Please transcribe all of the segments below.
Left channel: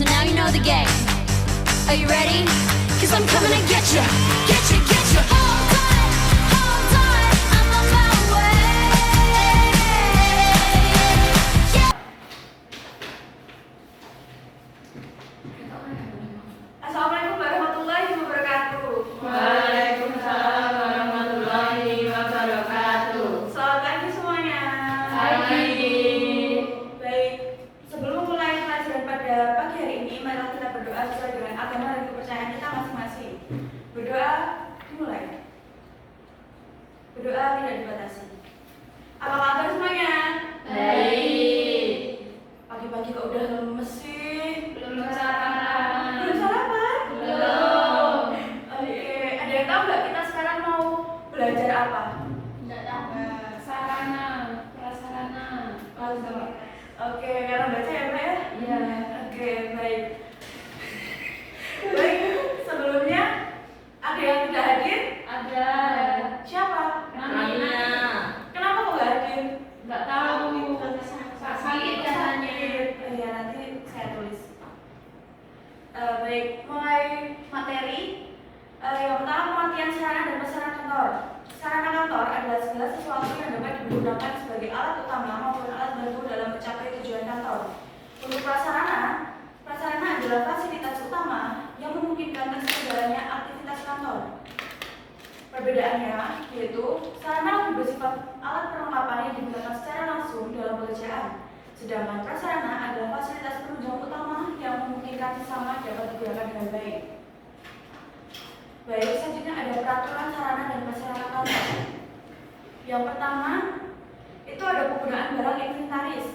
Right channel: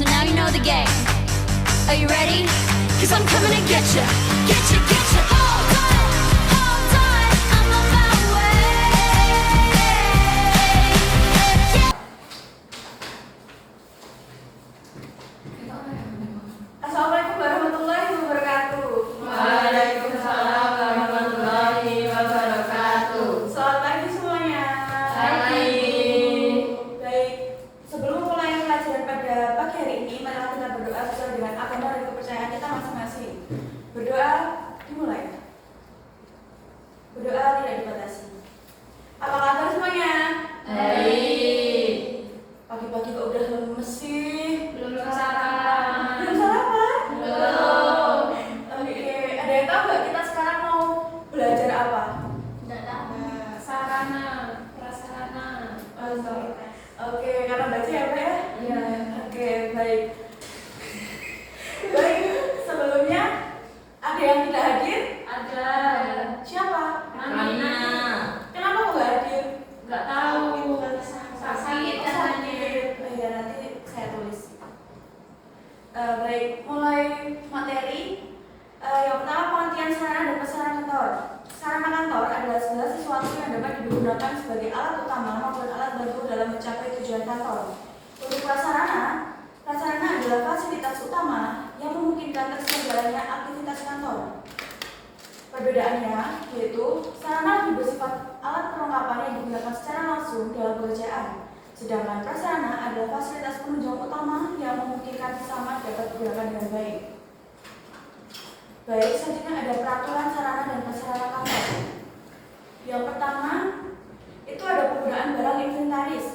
so now you know the game. Are you ready? 'Cause I'm coming to get you, get you, get you. Hold on, I'm on my way. Yeah. Assalamualaikum warahmatullahi wabarakatuh. Waalaikumsalam warahmatullahi wabarakatuh. Selamat pagi semuanya. Pagi. Baik, sebelum mulai pelajaran pada pagi hari ini, marilah kita berdoa sesuai dengan agama dan kepercayaan kita masing-masing. Berdoa dimulai. Berdoa tidak dibatasi. Apa kabar semuanya? Baik. Pagi-pagi kok udah lemes sih? Belum sarapan. Belum sarapan? Belum. Oke, ada yang tahu nggak kita sekarang mau belajar apa? Tidak tahu. Sarana, prasarana. Oke, karena baca ya Mbak ya? Iya. Oke, baik. Baik, sebelumnya ada yang tidak hadir? Ada. Siapa? Mana? Kenapa kok nggak hadir? Nggak tahu. Sakit katanya. Ya, nanti saya tulis. Baik, mulai materi. Yang pertama, pengertian sarana dan prasarana kantor. Sarana kantor adalah segala sesuatu yang dapat digunakan sebagai alat utama maupun alat bantu dalam mencapai tujuan kantor. Untuk prasarana adalah fasilitas utama yang memungkinkan terselenggaranya aktivitas kantor. Perbedaannya yaitu sarana lebih bersifat alat perlengkapan yang digunakan secara langsung dalam pekerjaan, sedangkan prasarana adalah fasilitas penunjang utama yang memungkinkan sesama dapat digunakan dengan baik. Baik, selanjutnya ada peraturan sarana dan prasarana kantor. Yang pertama, itu ada penggunaan barang inventaris.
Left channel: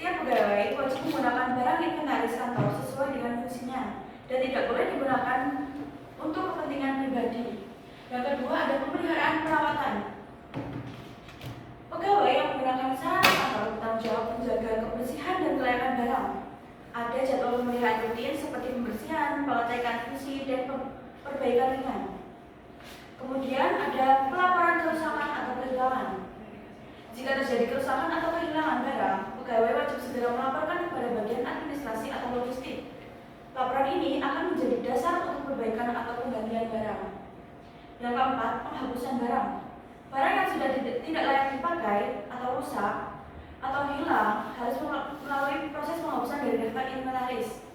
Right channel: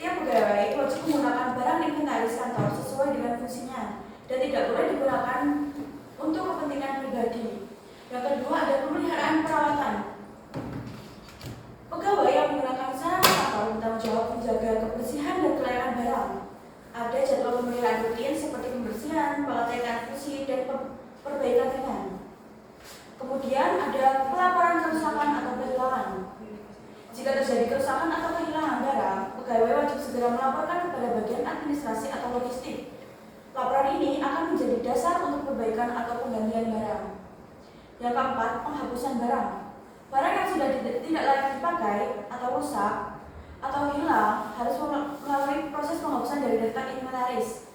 Setiap pegawai wajib menggunakan barang inventaris kantor sesuai dengan fungsinya dan tidak boleh digunakan untuk kepentingan pribadi. Yang kedua, ada pemeliharaan perawatan. Pegawai yang menggunakan sarana kantor bertanggung jawab menjaga kebersihan dan kelayakan barang. Ada jadwal pemeliharaan rutin seperti pembersihan, pengecekan fungsi, dan perbaikan ringan. Kemudian ada pelaporan kerusakan atau kehilangan. Jika terjadi kerusakan atau kehilangan barang, pegawai wajib segera melaporkan kepada bagian administrasi atau logistik. Laporan ini akan menjadi dasar untuk perbaikan atau penggantian barang. Yang keempat, penghapusan barang. Barang yang sudah tidak layak dipakai atau rusak atau hilang harus melalui proses penghapusan dari daftar inventaris.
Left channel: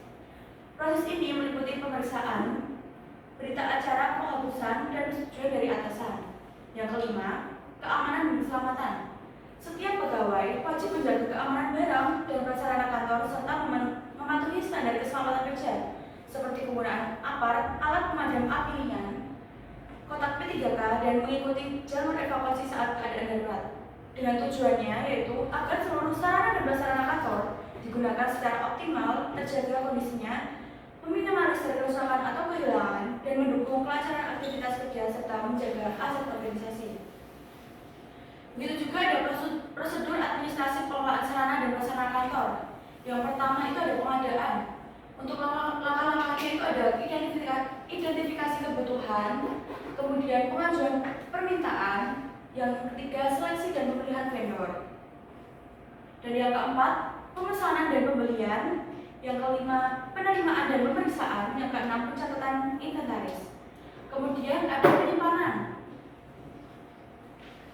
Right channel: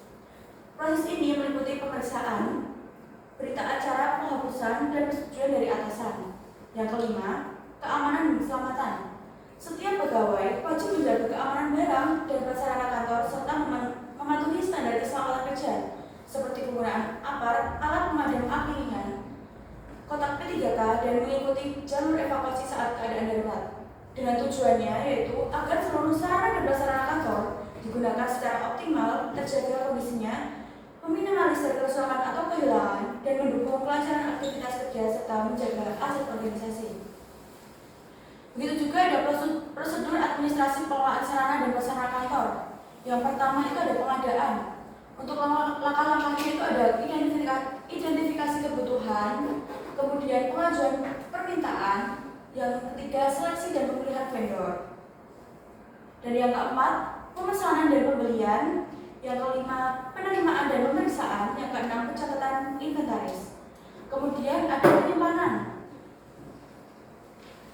Proses ini meliputi pemeriksaan, berita acara penghapusan, dan persetujuan dari atasan. Yang kelima, keamanan dan keselamatan. Setiap pegawai wajib menjaga keamanan barang dan prasarana kantor serta mematuhi standar keselamatan kerja seperti penggunaan apar, alat pemadam api ringan, kotak P3K, dan mengikuti jalur evakuasi saat keadaan darurat. Dengan tujuannya yaitu agar seluruh sarana dan prasarana kantor digunakan secara optimal, terjaga kondisinya, meminimalisir kerusakan atau kehilangan, dan mendukung kelancaran aktivitas kerja serta menjaga aset organisasi. Begitu juga ada prosedur administrasi pengelolaan sarana dan prasarana kantor. Yang pertama itu ada pengadaan. Untuk langkah-langkahnya itu ada identifikasi kebutuhan, kemudian pengajuan permintaan, yang ketiga seleksi dan pemilihan vendor, dan yang keempat pemesanan dan pembelian, yang kelima penerimaan dan pemeriksaan, yang keenam pencatatan inventaris. Kemudian ada penyimpanan.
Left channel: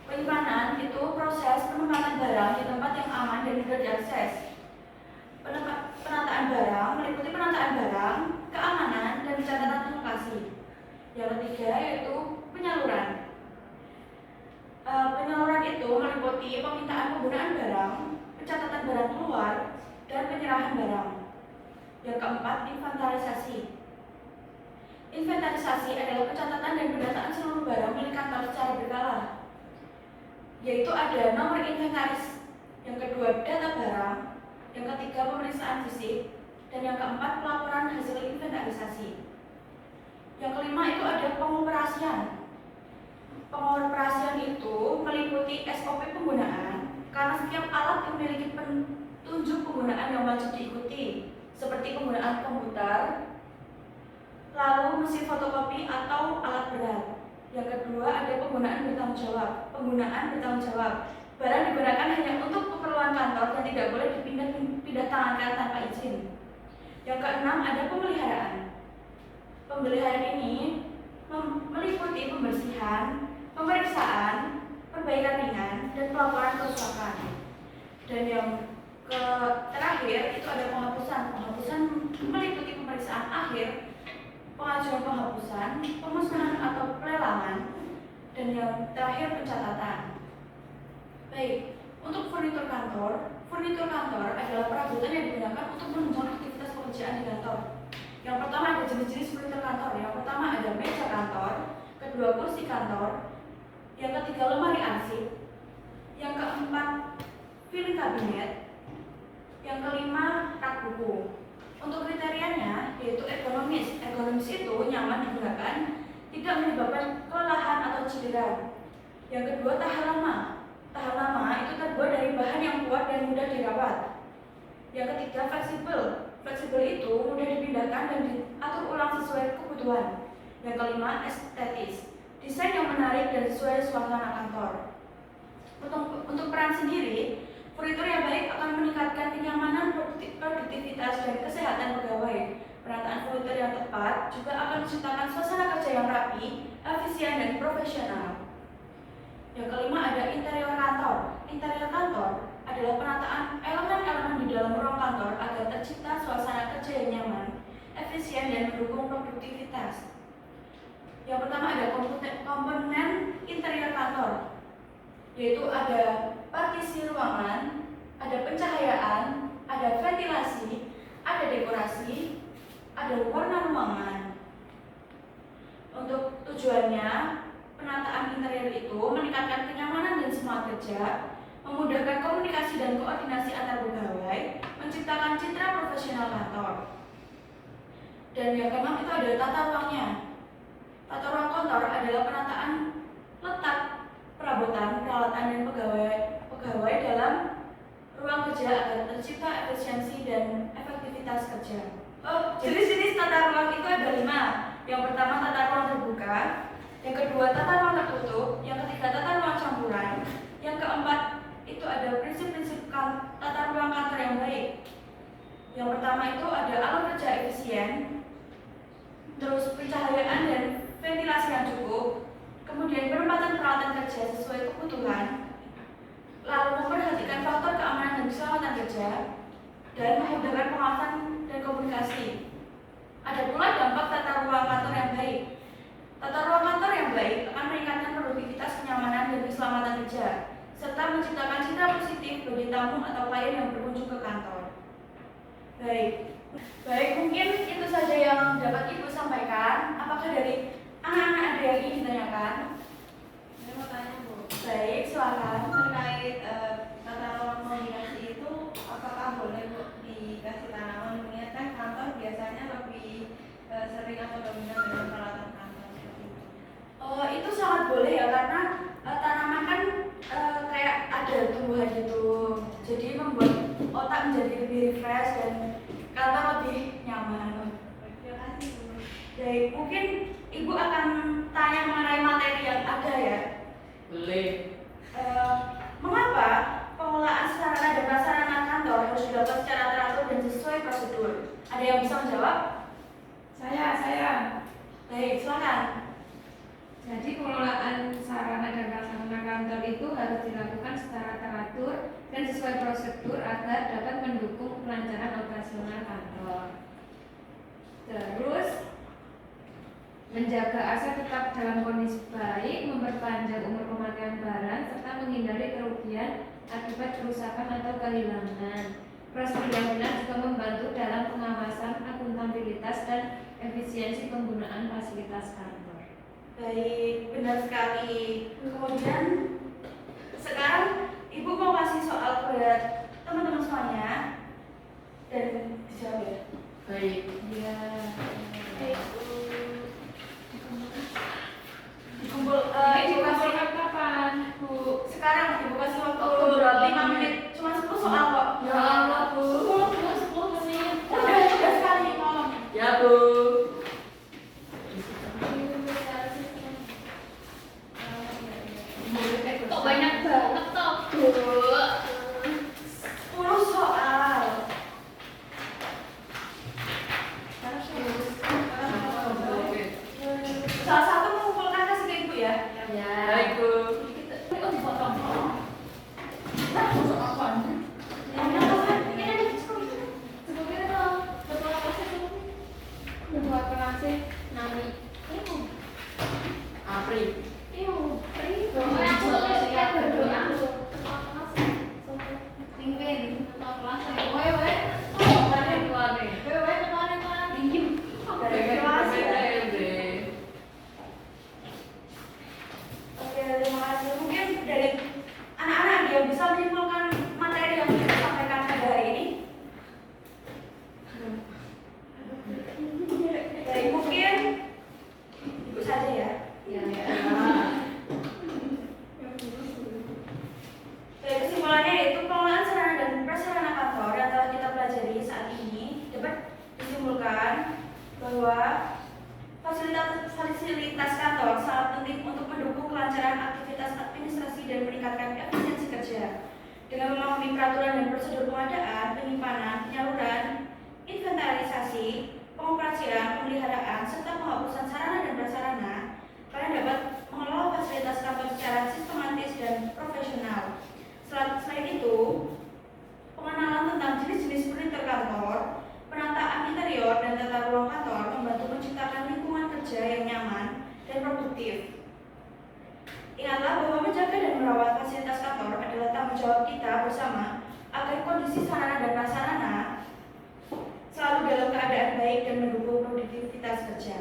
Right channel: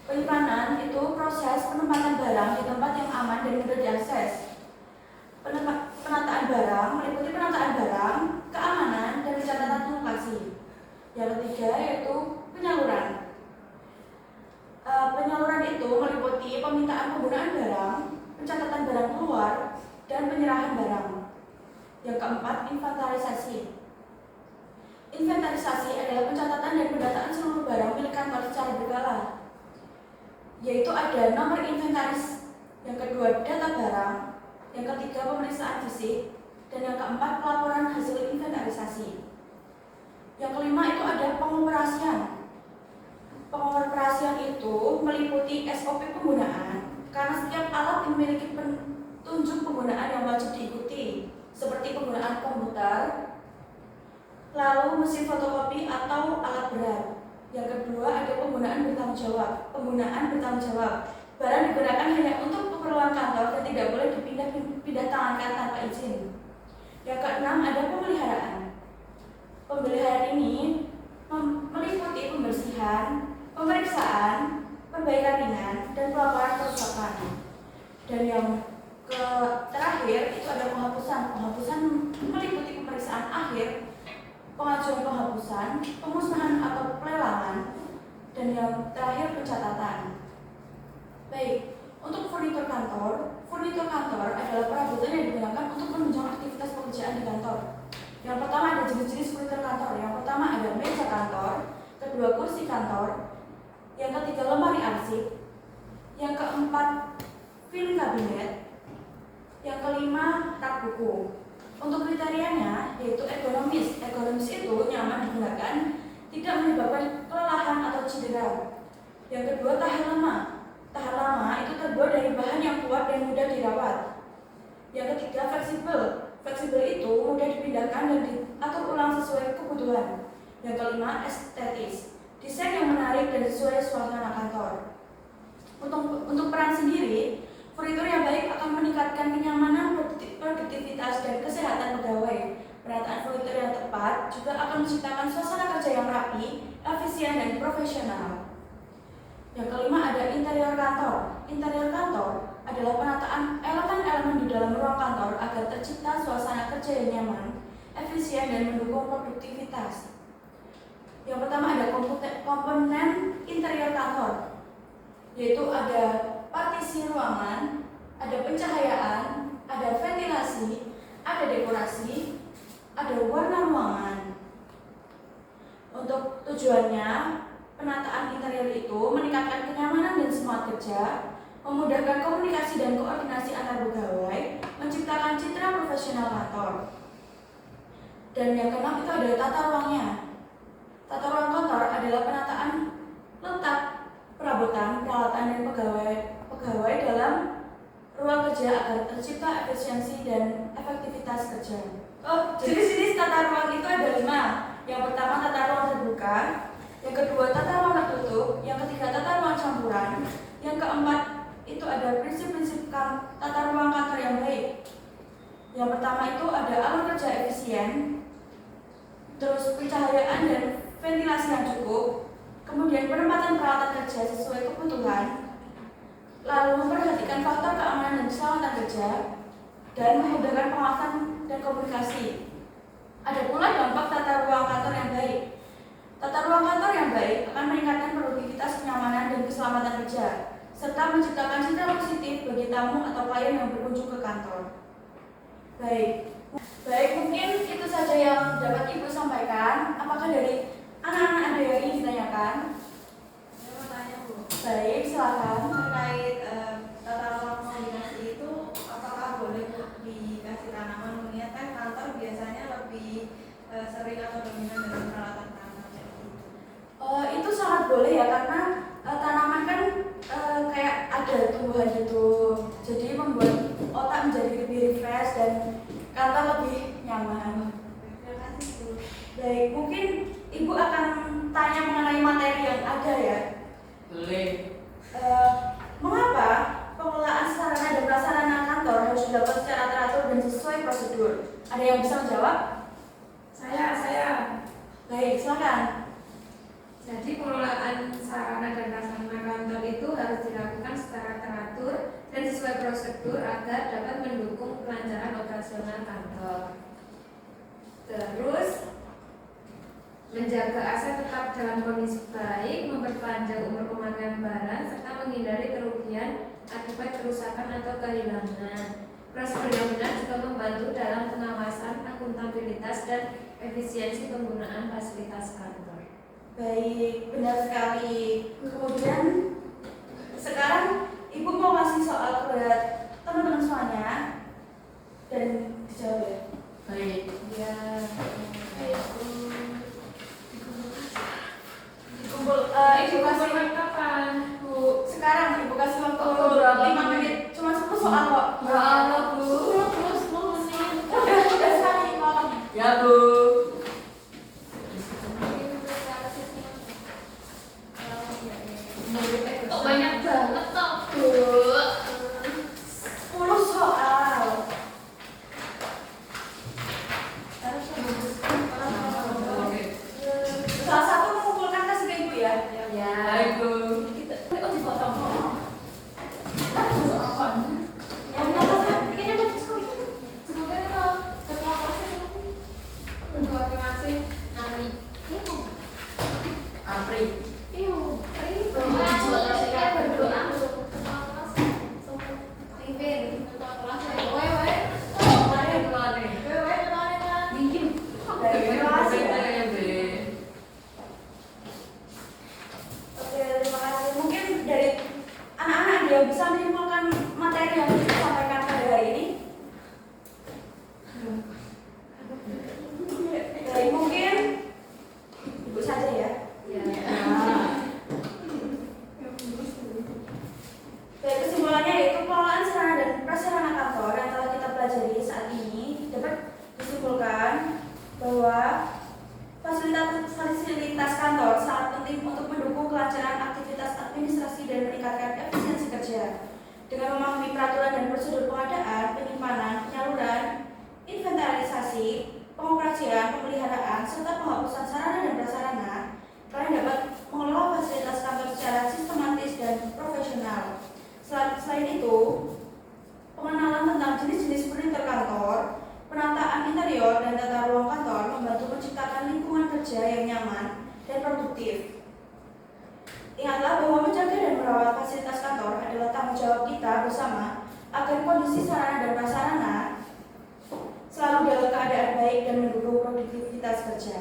Penyimpanan itu proses penempatan barang di tempat yang aman dan mudah diakses. Penataan barang meliputi penataan barang, keamanan, dan pencatatan lokasi. Yang ketiga yaitu penyaluran. Penyaluran itu meliputi permintaan penggunaan barang, pencatatan barang keluar, dan penyerahan barang. Yang keempat, inventarisasi. Inventarisasi adalah pencatatan dan pendataan seluruh barang milik kantor secara berkala, yaitu ada nomor inventaris, yang kedua data barang, yang ketiga pemeriksaan fisik, dan yang keempat pelaporan hasil inventarisasi. Yang kelima itu ada pengoperasian. Pengoperasian itu meliputi SOP penggunaan, karena setiap alat memiliki petunjuk penggunaan yang wajib diikuti, seperti penggunaan komputer, lalu mesin fotokopi atau alat berat. Yang kedua ada penggunaan bertanggung jawab. Barang digunakan hanya untuk keperluan kantor dan tidak boleh dipindah tangankan tanpa izin. Yang keenam ada pemeliharaan. Pemeliharaan ini meliputi pembersihan, pemeriksaan, perbaikan ringan, dan pelaporan kerusakan. Dan yang terakhir itu ada penghapusan. Penghapusan meliputi pemeriksaan akhir, pengajuan penghapusan, pemusnahan atau pelelangan, dan yang terakhir pencatatan. Baik, untuk furnitur kantor adalah perabotan yang digunakan untuk menunjang aktivitas pekerjaan di kantor. Yang pertama ada jenis-jenis furnitur kantor. Yang pertama ada meja kantor, kedua kursi kantor, yang ketiga lemari arsip, yang keempat filing kabinet, yang kelima rak buku. Untuk kriterianya yaitu ergonomis. Ergonomis itu nyaman digunakan, tidak menyebabkan kelelahan atau cedera. Yang kedua tahan lama. Tahan lama itu terbuat dari bahan yang kuat dan mudah dirawat. Yang ketiga fleksibel. Fleksibel itu mudah dipindahkan dan diatur ulang sesuai kebutuhan. Yang kelima estetis. Desain yang menarik dan sesuai suasana kantor. Untuk peran sendiri, furnitur yang baik akan meningkatkan kenyamanan, produktivitas, dan kesehatan pegawai. Penataan furnitur yang tepat juga akan menciptakan suasana kerja yang rapi, efisien, dan profesional. Yang kelima ada interior kantor. Interior kantor adalah penataan elemen-elemen di dalam ruang kantor agar tercipta suasana kerja yang nyaman, efisien, dan mendukung produktivitas. Yang pertama ada komponen interior kantor, yaitu ada partisi ruangan, ada pencahayaan, ada ventilasi, ada dekorasi, ada warna ruangan. Untuk tujuannya, penataan interior itu meningkatkan kenyamanan dan semangat kerja, memudahkan komunikasi dan koordinasi antar pegawai, menciptakan citra profesional kantor. Dan yang keenam itu ada tata ruangnya. Tata ruang kantor adalah penataan letak, perabotan, peralatan, dan pegawai dalam ruang kerja agar tercipta efisiensi dan efektivitas kerja. Jenis-jenis tata ruang itu ada 5. Yang pertama tata ruang terbuka, yang kedua tata ruang tertutup, yang ketiga tata ruang campuran, yang keempat itu ada prinsip-prinsip tata ruang kantor yang baik. Yang pertama itu ada alur kerja efisien, terus pencahayaan dan ventilasi yang cukup, kemudian penempatan peralatan kerja sesuai kebutuhan, lalu memperhatikan faktor keamanan dan keselamatan kerja, dan memudahkan pengawasan dan komunikasi. Ada pula dampak tata ruang kantor yang baik. Tata ruang kantor yang baik akan meningkatkan produktivitas, kenyamanan, dan keselamatan kerja, serta menciptakan citra positif bagi tamu atau klien yang berkunjung ke kantor. Baik, mungkin itu saja yang dapat Ibu sampaikan. Apakah dari anak-anak ada yang ingin ditanyakan? Saya mau tanya, Bu. Baik, silakan. Terkait tata ruang kombinasi itu, apakah boleh, Bu, dikasih tanaman? Mengingat kan kantor biasanya lebih sering atau dominan dengan peralatan tanaman. Itu sangat boleh ya, karena tanaman kan kayak ada tumbuhan gitu, jadi membuat otak menjadi lebih refresh dan kantor lebih nyaman. Terima kasih, Bu. Baik, mungkin Ibu akan tanya mengenai materi yang ada ya. Boleh. Mengapa pengelolaan sarana dan prasarana kantor harus dilakukan secara teratur dan sesuai prosedur? Ada yang bisa menjawab? Saya. Baik, silakan. Jadi pengelolaan sarana dan prasarana kantor itu harus dilakukan secara teratur dan sesuai prosedur agar dapat mendukung kelancaran operasional kantor. Terus menjaga aset tetap dalam kondisi baik, memperpanjang umur pemakaian barang, serta menghindari kerugian akibat kerusakan atau kehilangan. Prosedur yang benar juga membantu dalam pengawasan, akuntabilitas, dan efisiensi penggunaan fasilitas kantor. Baik, benar sekali. Kemudian sekarang Ibu mau kasih soal kepada teman-teman semuanya dan dijawab ya. Baik. Ya. Ibu kasih kapan, Bu? sekarang Ibu kasih waktu 5 menit, cuma 10 soal kok. Ya Allah, Bu. 10 menit. Udah sekali ngomong. Ya, Bu. Kok banyak banget toh? 10 soal. fasilitas kantor sangat penting untuk mendukung kelancaran aktivitas administrasi dan meningkatkan efisiensi kerja. Dengan memahami peraturan dan prosedur pengadaan, penyimpanan, penyaluran, inventarisasi, pengoperasian, pemeliharaan, serta penghapusan sarana dan prasarana, kalian dapat mengelola fasilitas kantor secara sistematis dan profesional. Selain itu, pengenalan tentang jenis-jenis furnitur kantor, penataan interior dan tata ruang kantor membantu menciptakan lingkungan kerja yang nyaman dan produktif. Ingatlah bahwa menjaga dan merawat fasilitas kantor adalah tanggung jawab kita bersama agar kondisi sarana dan prasarana selalu dalam keadaan baik dan mendukung produktivitas kerja.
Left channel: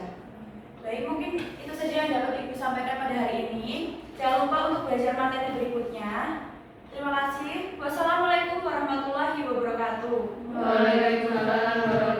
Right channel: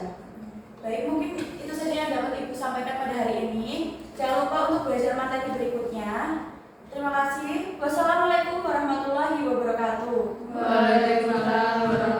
Baik, mungkin itu saja yang dapat Ibu sampaikan pada hari ini. Jangan lupa untuk belajar materi berikutnya. Terima kasih. Wassalamualaikum warahmatullahi wabarakatuh. Waalaikumsalam warahmatullahi